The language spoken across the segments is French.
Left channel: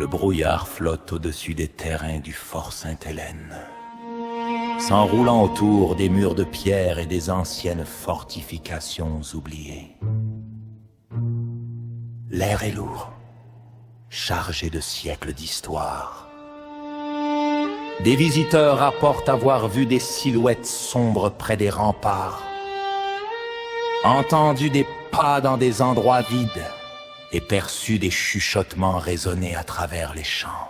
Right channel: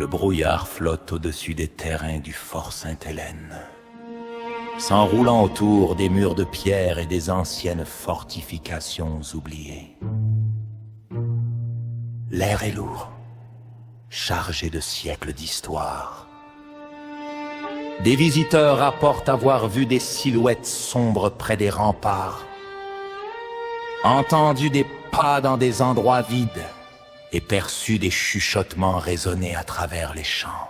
Le brouillard flotte au-dessus des terrains du fort Sainte-Hélène, s'enroulant autour des murs de pierre et des anciennes fortifications oubliées. L'air est lourd, chargé de siècles d'histoire. Des visiteurs rapportent avoir vu des silhouettes sombres près des remparts, entendu des pas dans des endroits vides et perçu des chuchotements résonner à travers les champs.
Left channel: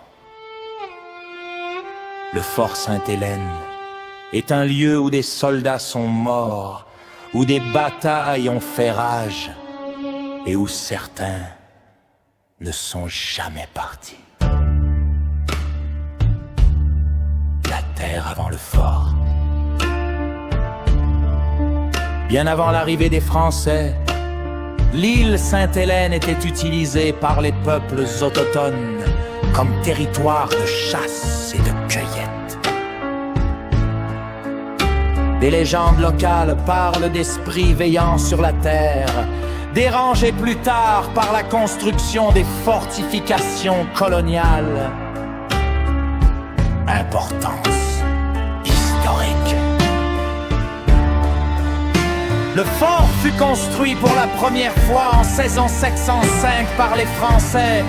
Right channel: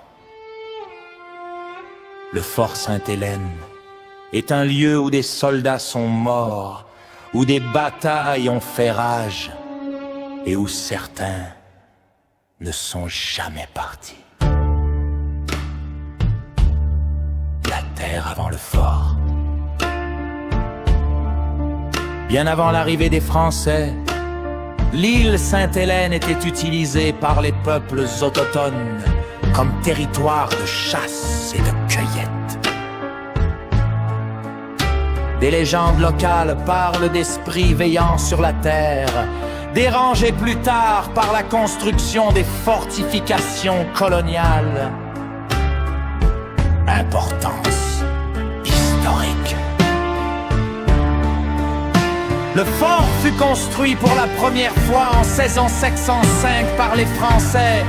Le fort Sainte-Hélène est un lieu où des soldats sont morts, où des batailles ont fait rage et où certains ne sont jamais partis. La terre avant le fort. Bien avant l'arrivée des Français, l'île Sainte-Hélène était utilisée par les peuples autochtones comme territoire de chasse et de cueillette. Des légendes locales parlent d'esprits veillant sur la terre, dérangés plus tard par la construction des fortifications coloniales. Importance historique. Le fort fut construit pour la première fois en 1605 par les Français,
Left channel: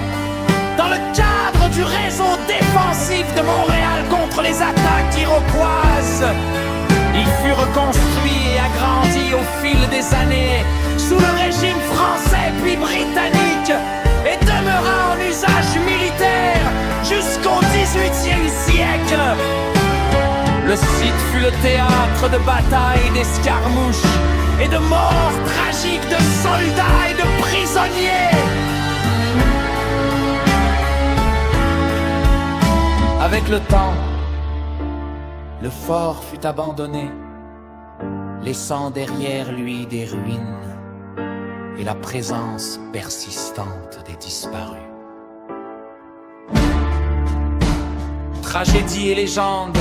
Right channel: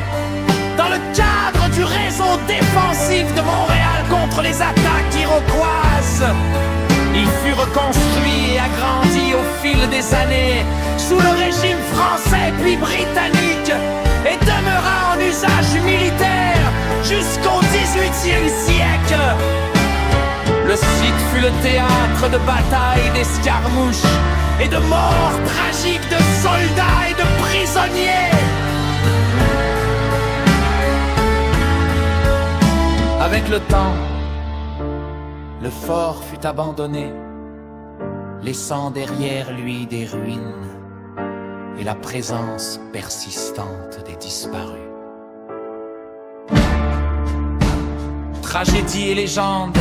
dans le cadre du réseau défensif de Montréal contre les attaques iroquoises. Il fut reconstruit et agrandi au fil des années sous le régime français puis britannique et demeura en usage militaire jusqu'au XVIIIe siècle. Le site fut le théâtre de batailles, d'escarmouches et de morts tragiques de soldats et de prisonniers. Avec le temps, le fort fut abandonné, laissant derrière lui des ruines et la présence persistante des disparus. Tragédie et légende,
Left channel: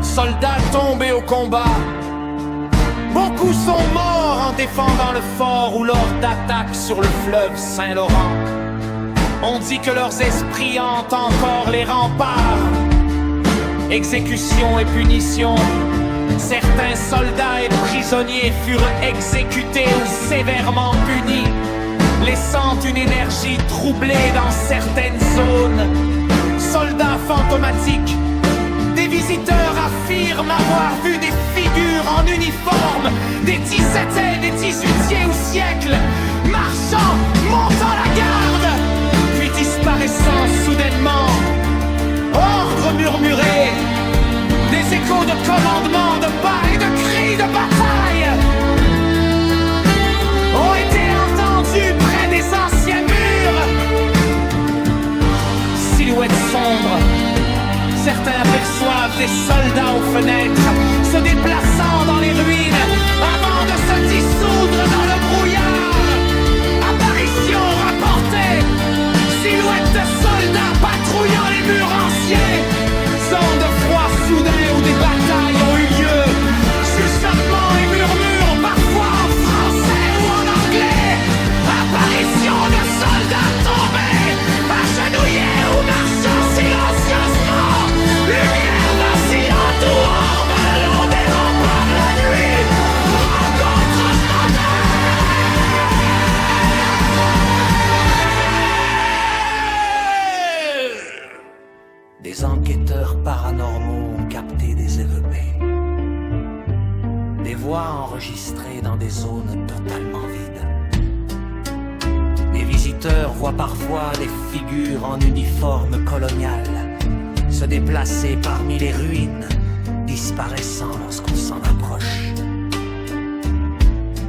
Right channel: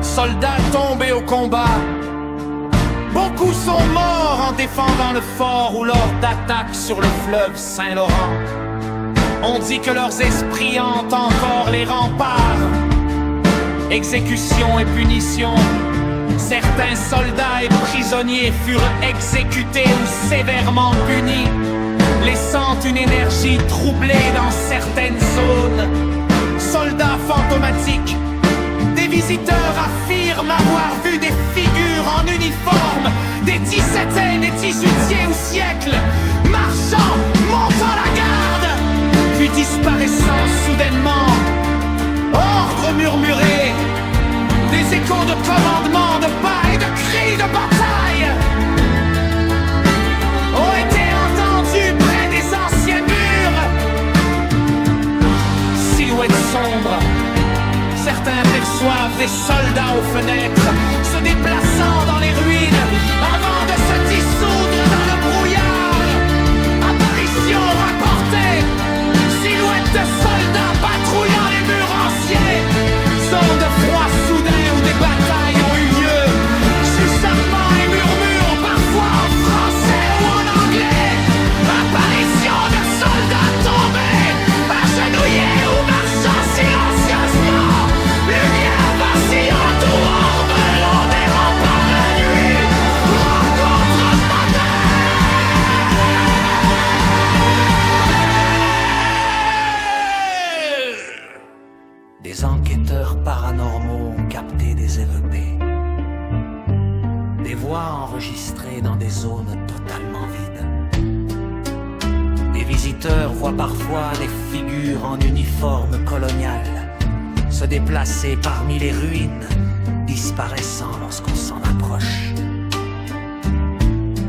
soldats tombés au combat, beaucoup sont morts en défendant le fort ou lors d'attaques sur le fleuve Saint-Laurent. On dit que leurs esprits hantent encore les remparts. Exécution et punition, certains soldats et prisonniers furent exécutés ou sévèrement punis, laissant une énergie troublée dans certaines zones. Soldats fantomatiques, des visiteurs affirment avoir vu des figures en uniforme des 17e et 18e siècles, marchant, montant la garde, puis disparaissant soudainement. Ordre murmuré, des échos de commandements de pas et de cris de bataille ont été entendus près des anciens murs. Silhouettes sombres, certains aperçoivent des soldats aux fenêtres se déplaçant dans les ruines avant de se dissoudre dans le brouillard. Apparition rapportée, silhouettes de soldats patrouillant les murs anciens. Zone de froid soudain où des batailles ont eu lieu. Chuchotements et murmures, parfois en français ou en anglais. Apparition de soldats tombés, agenouillés ou marchant silencieusement. Lumière vacillante ou orbe le long des remparts la nuit. Rencontre moderne. Des enquêteurs paranormaux ont capté des érupés. Des voix enregistrées dans des zones totalement vides. Des visiteurs voient parfois des figures en uniforme colonial se déplacer parmi les ruines, disparaissant lorsqu'on s'en approche.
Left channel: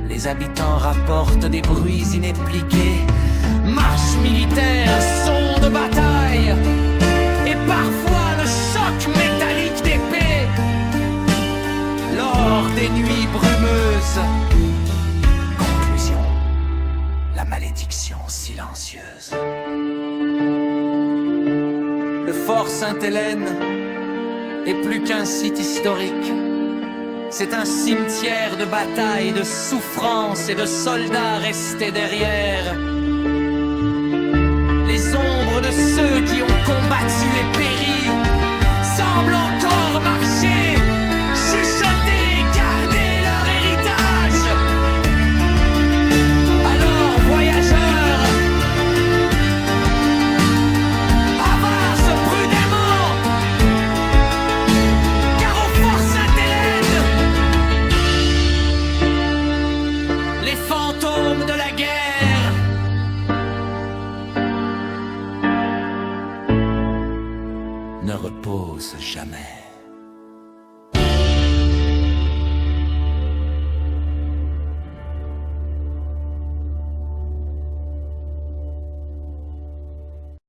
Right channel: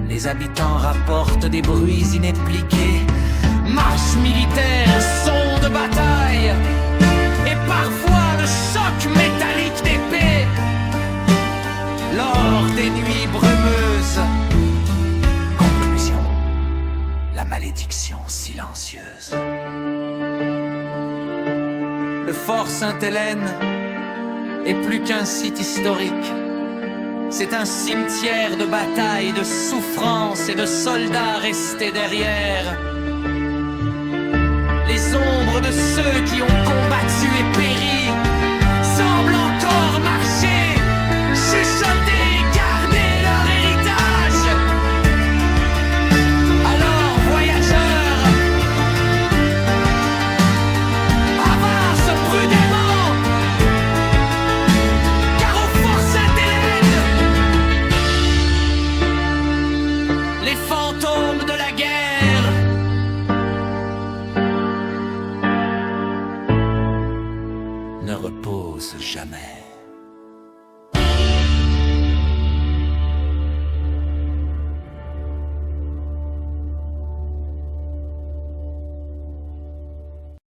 Les habitants rapportent des bruits inexpliqués, marches militaires, sons de bataille, et parfois le choc métallique d'épées. Lors des nuits brumeuses. Conclusion, la malédiction silencieuse. Le fort Sainte-Hélène est plus qu'un site historique. C'est un cimetière de batailles, de souffrances et de soldats restés derrière. Les ombres de ceux qui ont combattu et péri semblent encore marcher, chuchoter, garder leur héritage. Alors, voyageurs, avance prudemment, car au Fort Sainte-Hélène, les fantômes de la guerre ne reposent jamais.